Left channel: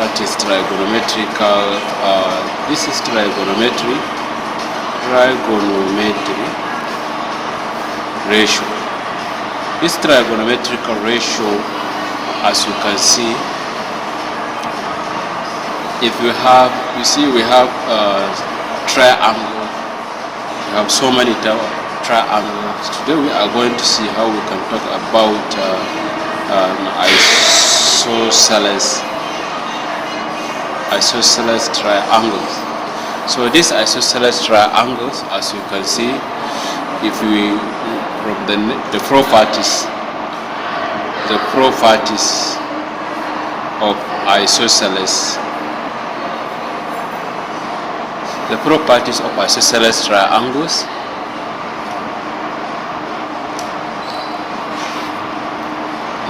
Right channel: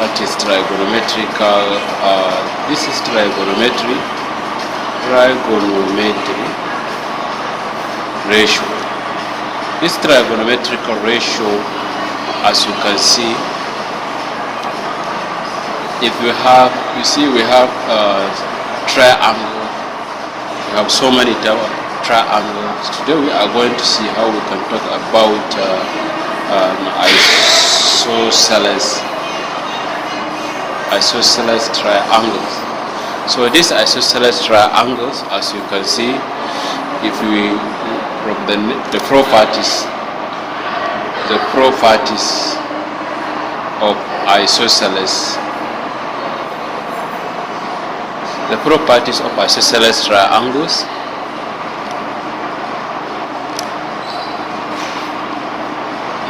That is trigonometrical. This is trigonometry ratio. This trigonometrical ratio, as you can see, if we have, we have triangle. We have so many triangles. Today we are going to see how we can talk about isosceles triangles. So these isosceles triangles, as you can see, if we from the properties of isosceles, the properties of isosceles triangles.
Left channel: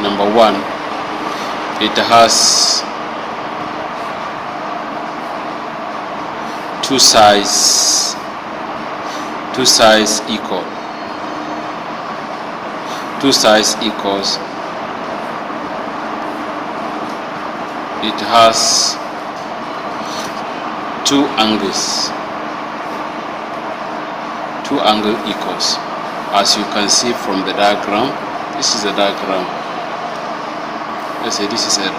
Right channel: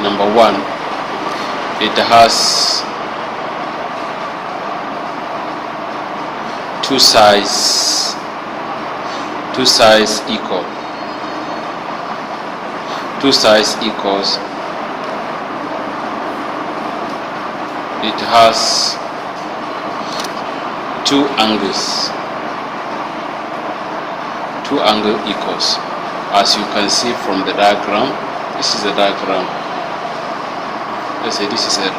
Number one, it has two sides equal. Two sides equals. It has two angles. Two angle equals. As you can see from the diagram, this is a diagram. Let's say this is a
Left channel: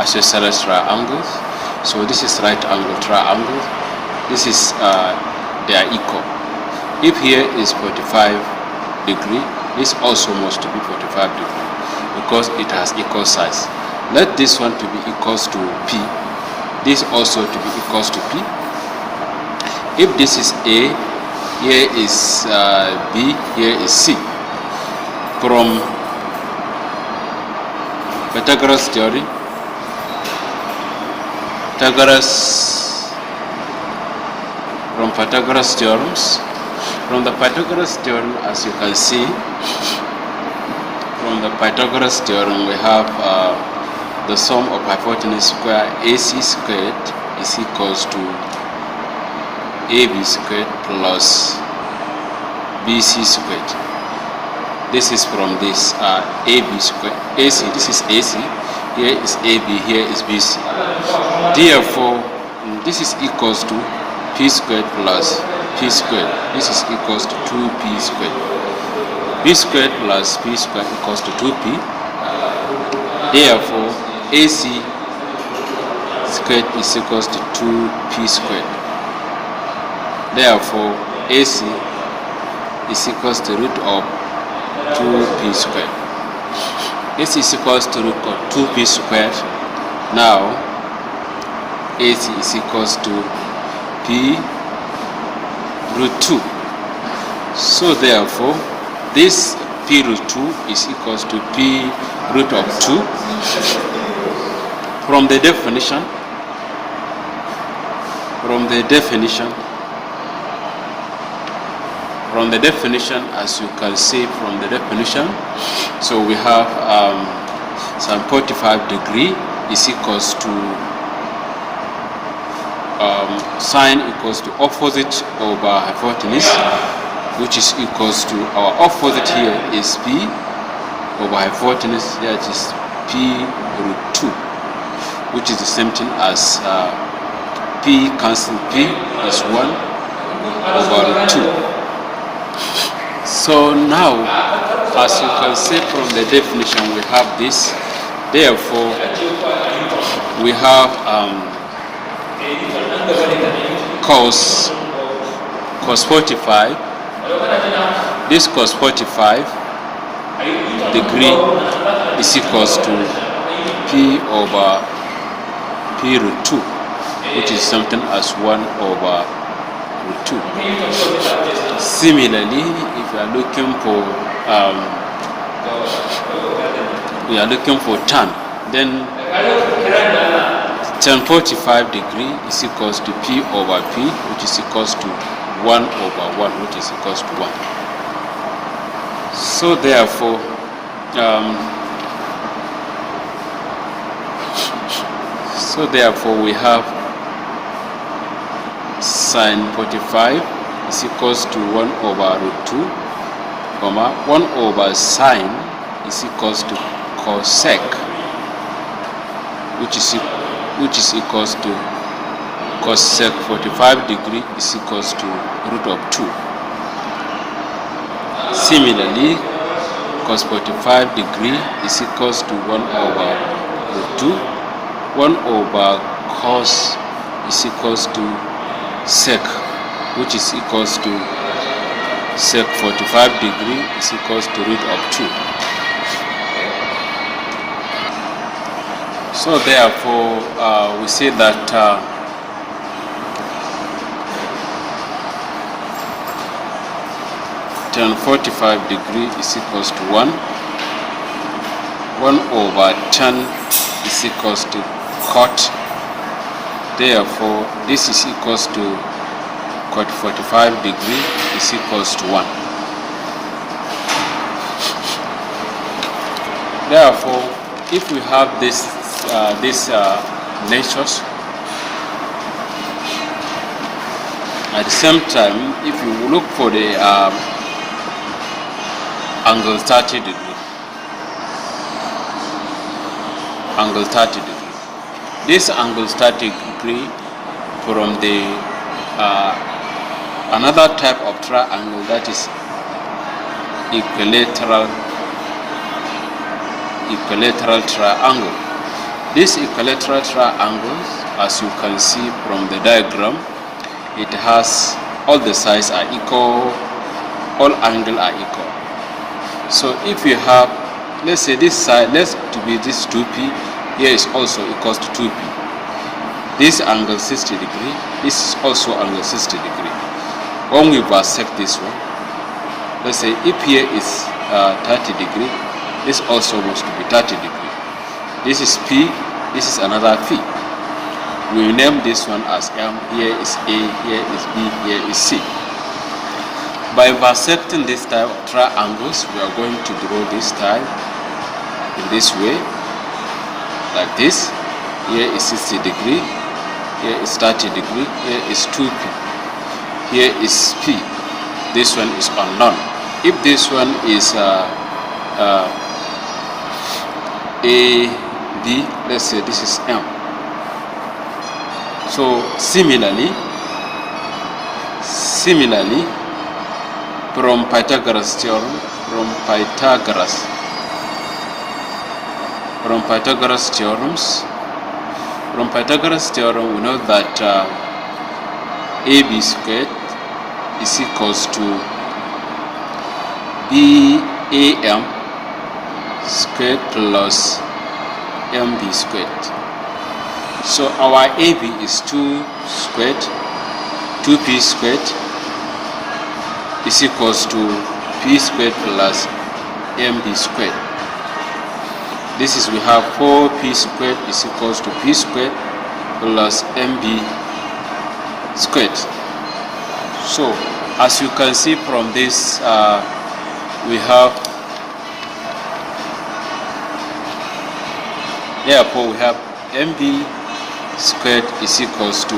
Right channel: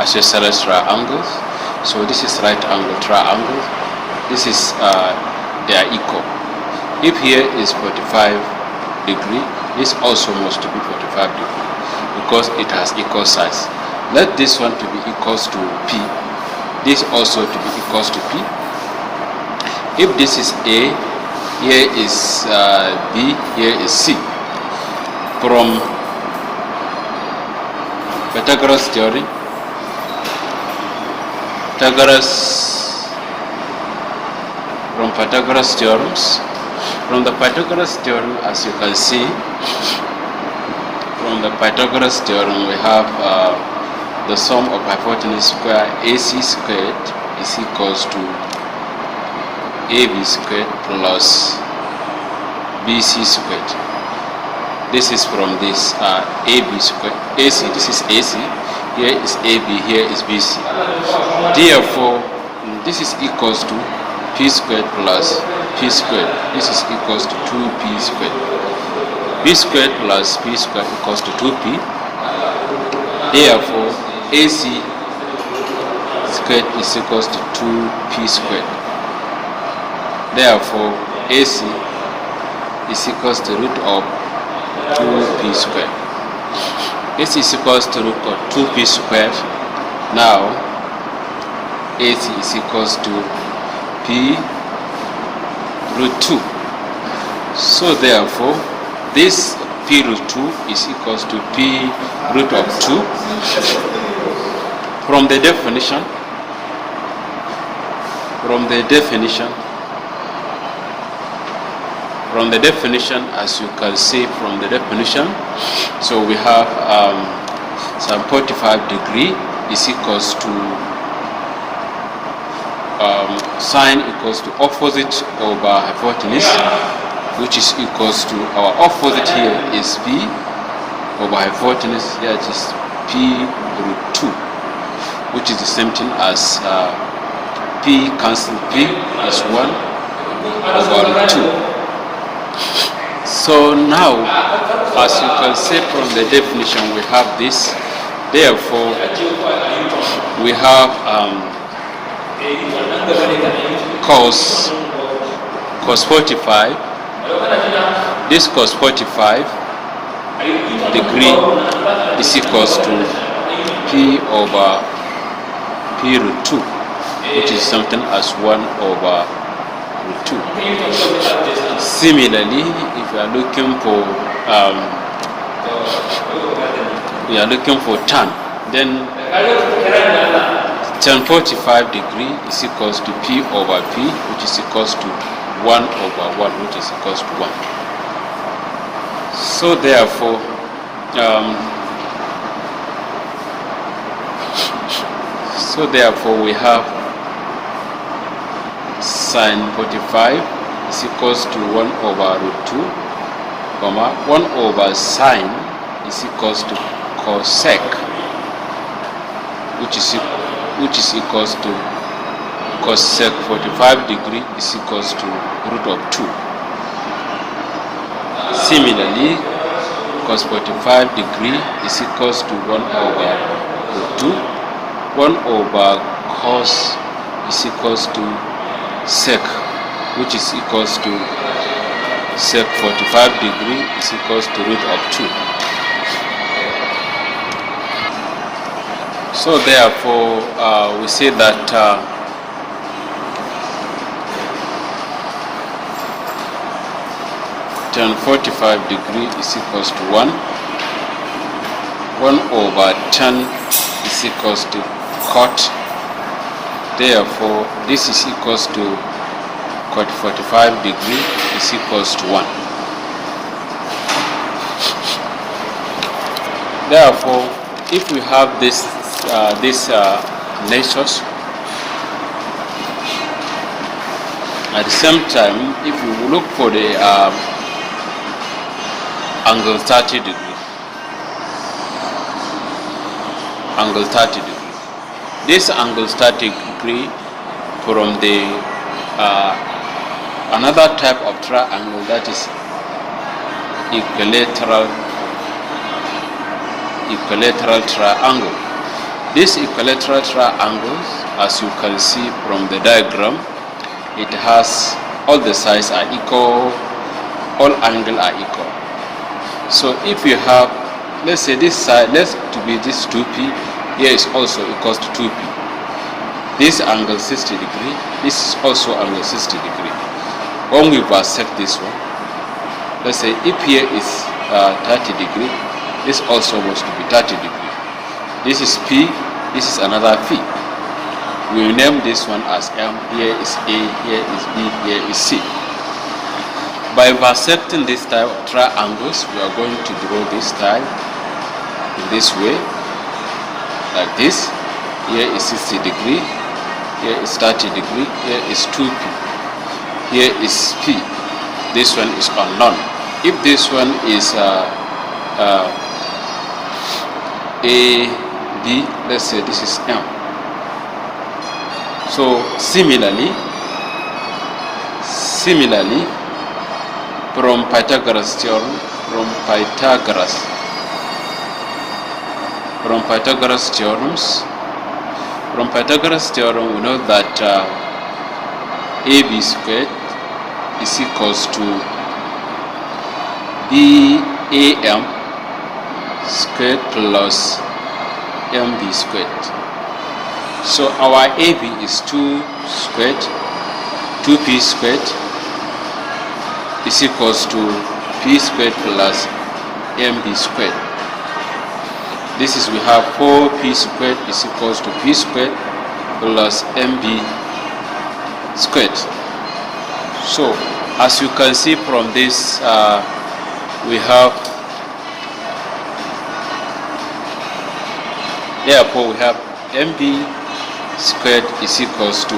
isosceles triangle. So this is right angle triangle. This is they are equal. If here is 45 degree, this also must be 45 degree because it has equal size. Let this one to be equals to P. This also to be equals to P. If this is A, here is B, here is C. From Pythagoras theorem, from the Pythagoras theorem, as you can see, from the Pythagoras theorem we have the sum of hypotenuse square AC squared is equals to AB squared plus BC squared. This is from this AB squared, AC, this is AC, here is AB, here is BC. Therefore, this is equals to P squared plus P squared. This is equals to 2P squared. P squared plus P squared equals to 2P. Therefore, AC squared is equals to 2P squared. Therefore, AC is equals to root of 2P squared. This is equals to root of 2P squared. Now, AC is equals to P root 2. So therefore, this P root 2 is equals to P root of 2. From the definition, as you can see from the definition, so we have some 45 degree is equals to sine equals to opposite over hypotenuse, which is equals to our opposite here is P over hypotenuse, that is P root 2, which is the same thing as P cancel P is 1 over root 2. So now, as you can see from the definition, we have this. Therefore, we have cos 45. This cos 45 degree is equals to P over P root 2, which is something as 1 over root 2. Similarly, if you are looking for tan, then tan 45 degree is equals to P over P, which is equals to 1 over 1, which is equals to 1. So therefore, we have sine 45 is equals to 1 over root 2, 1 over sine is equals to cosec, which is which is equals to cosec 45 degree is equals to root of 2. Similarly, cos 45 degree is equals to 1 over root 2. 1 over cos is equals to sec, which is equals to sec 45 degree is equals to root of 2. So therefore, we say that tan 45 degree is equals to 1. 1 over tan is equals to cot. Therefore, this is equals to cot 45 degree is equals to 1. Therefore, if we have these ratios, at the same time, if we look for the angle 30 degree, angle 30 degree. This angle 30 degree from the another type of triangle, that is equilateral triangle. This equilateral triangle, as you can see from the diagram, it has all the sides are equal, all angles are equal. So if you have, let's say this side, let's to be this 2p, here is also equals to 2p. This angle 60 degree, this is also angle 60 degree. When we bisect this one, let's say if here is 30 degree, this also must be 30 degree. This is P, this is another P. We will name this one as M, here is A, here is B, here is C. By bisecting this type of triangles, we are going to draw this type in this way, like this. Here is 60 degree, here is 30 degree, here is 2p, here is P. This one is unknown. If this one is A, B, let's say this is M. So similarly, from Pythagoras theorem, from Pythagoras theorem, we know that AB squared is equals to BAM squared plus MB squared. So our AB is 2 squared, 2p squared is equals to p squared plus mb squared. This is, we have 4p squared is equals to p squared plus mb squared. So as you can see from this, we have, therefore we have mb squared is equals to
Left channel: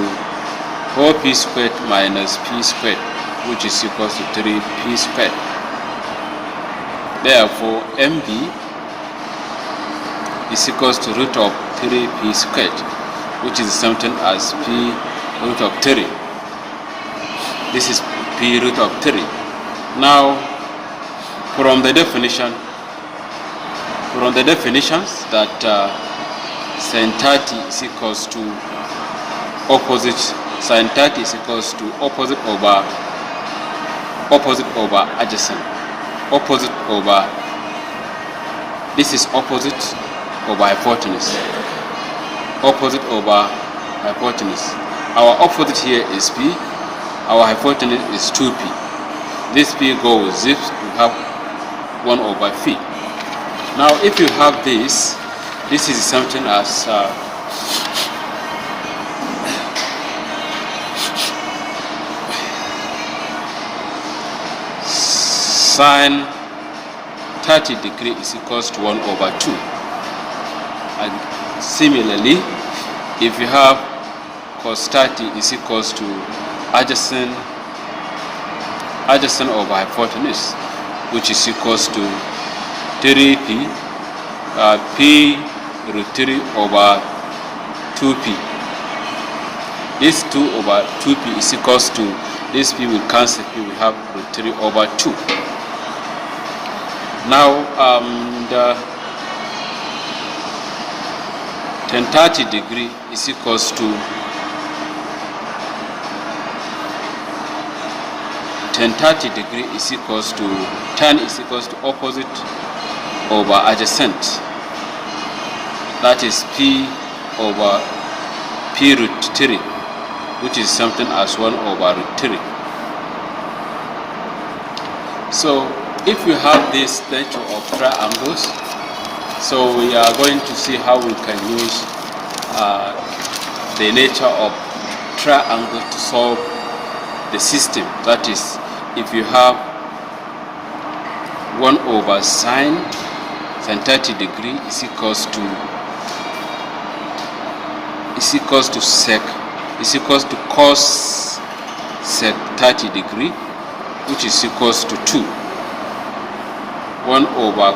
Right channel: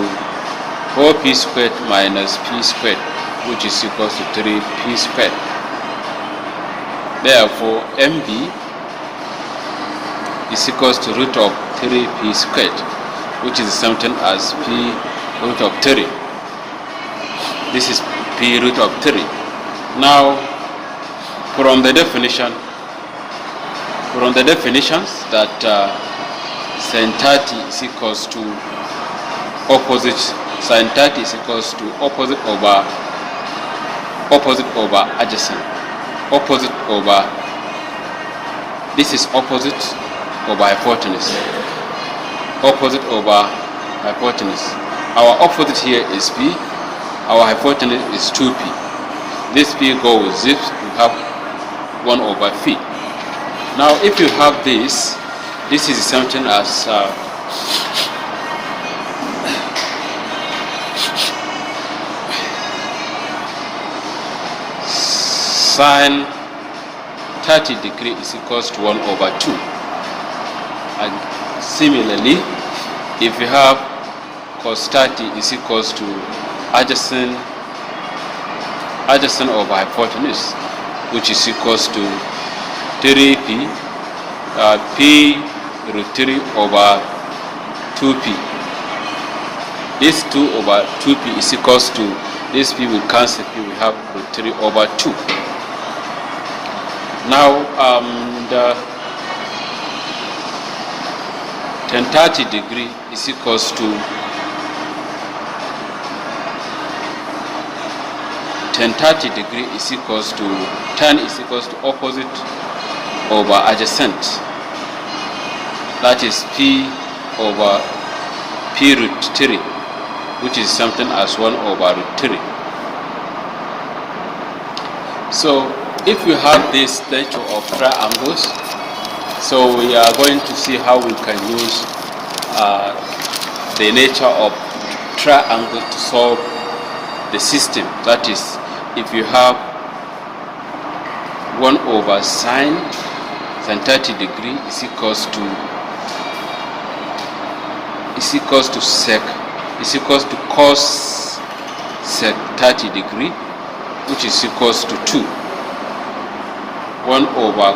4p squared minus p squared, which is equals to 3p squared. Therefore mb is equals to root of 3p squared, which is the same thing as p root of 3. This is p root of 3. Now from the definitions that sin 30 is equals to opposite, sin 30 is equals to opposite over adjacent, opposite over, this is opposite over hypotenuse, opposite over hypotenuse. Our opposite here is p, our hypotenuse is 2p. This p goes zips, we have 1 over p. Now if you have this is something as sin 30 degree is equals to 1 over 2. And similarly, if you have cos 30 is equals to adjacent over hypotenuse, which is equals to 3p, p root 3 over 2p. This 2 over 2p is equals to, this p will cancel p, we have root 3 over 2. Now the tan 30 degree is equals to tan 30 degree is equals to, tan is equals to opposite over adjacent. That is p over p root 3, which is something as 1 over root 3. So if you have this nature of triangles, so we are going to see how we can use the nature of triangle to solve the system. That is, if you have 1 over sine 30 degree is equals to cos sec 30 degree, which is equals to 2. 1 over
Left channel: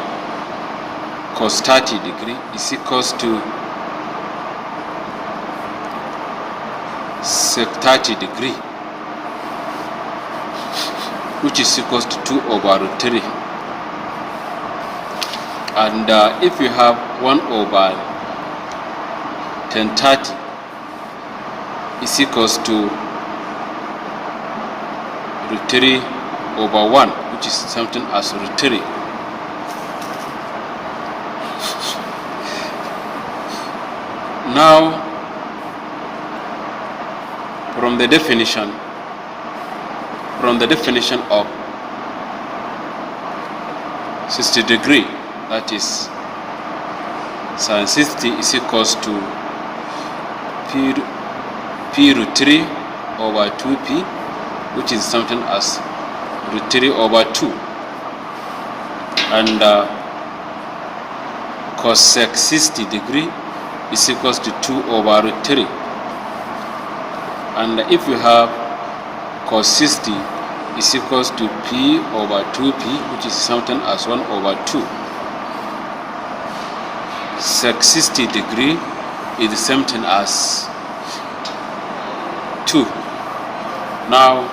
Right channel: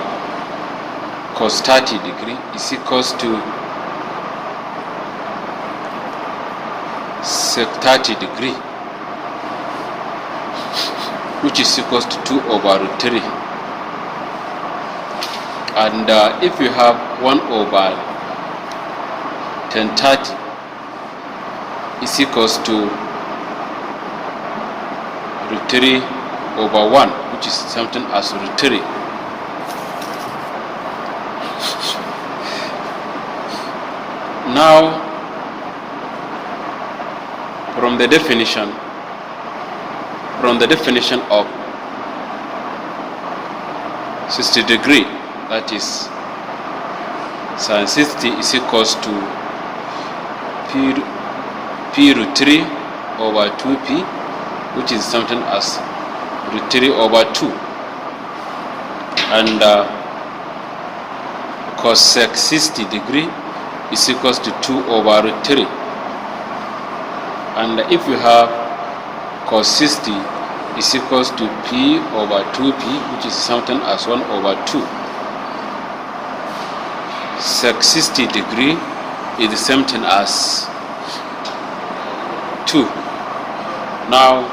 cos 30 degree is equals to sec 30 degree, which is equals to 2 over root 3. And if you have 1 over tan 30 is equals to root 3 over 1, which is something as root 3. Now, from the definition of 60 degree, that is sin 60 is equals to p root 3 over 2p, which is something as root 3 over 2, and cos sec 60 degree is equals to 2 over root 3. And if you have cos 60 is equals to p over 2p, which is something as 1 over 2. Sec 60 degree is the same thing as 2. Now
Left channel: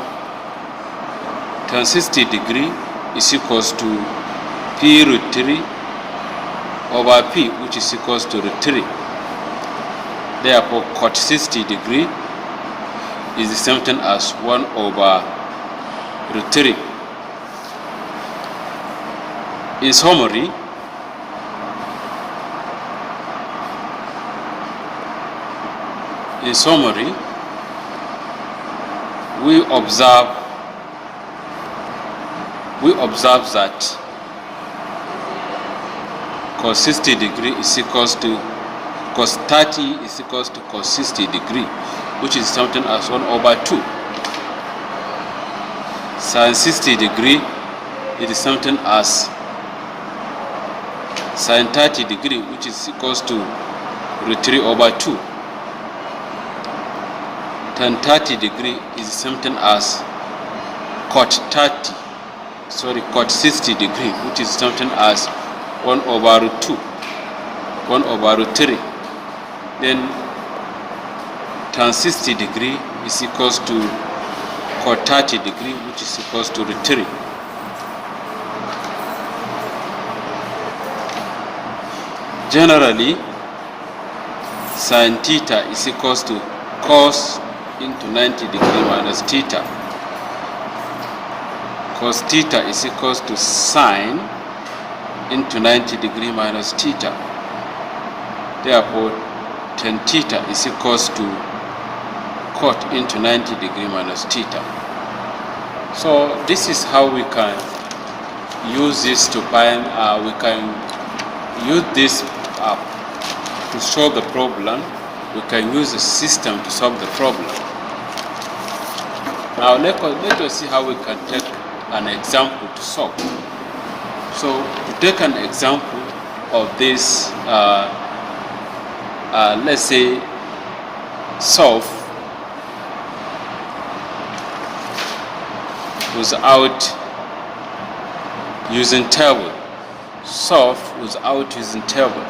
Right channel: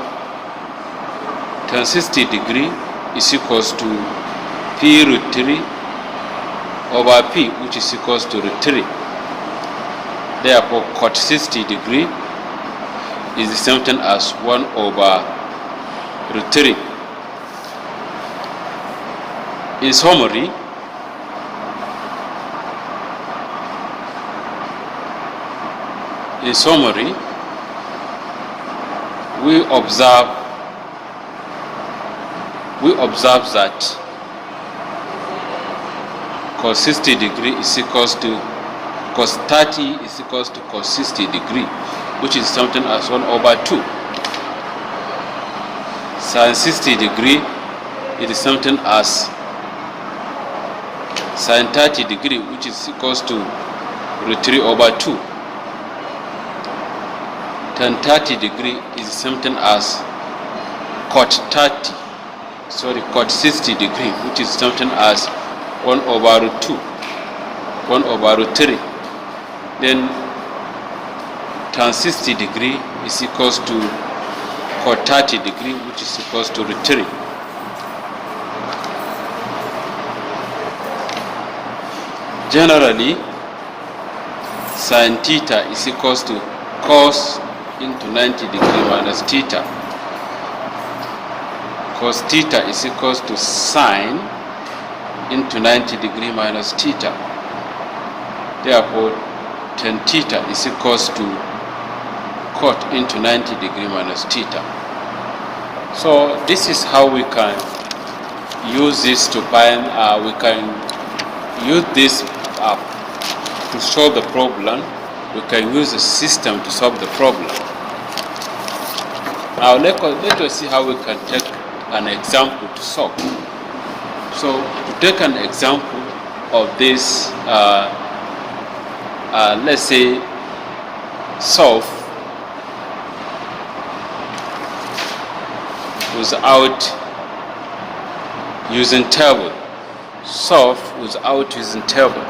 tan 60 degree is equals to p root 3 over p, which is equals to root 3. Therefore cot 60 degree is the same thing as 1 over root 3. In summary, we observe that cos 60 degree is equals to cos 30 is equals to cos 60 degree, which is something as 1 over 2. Sin 60 degree is something as sin 30 degree, which is equals to root 3 over 2. Tan 30 degree is something as cot 60 degree, which is something as 1 over root 2, 1 over root 3. Then tan 60 degree is equals to cot 30 degree, which is equals to root 3. Generally, sin theta is equals to cos into 90 degree minus theta. Cos theta is equals to sine into 90 degree minus theta. Therefore, tan theta is equals to cot into 90 degree minus theta. So this is how we can use this to find, we can use this to solve the problem. We can use the system to solve the problem. Now let us see how we can take an example to solve. So to take an example of this, let's say solve without using table. Solve without using table.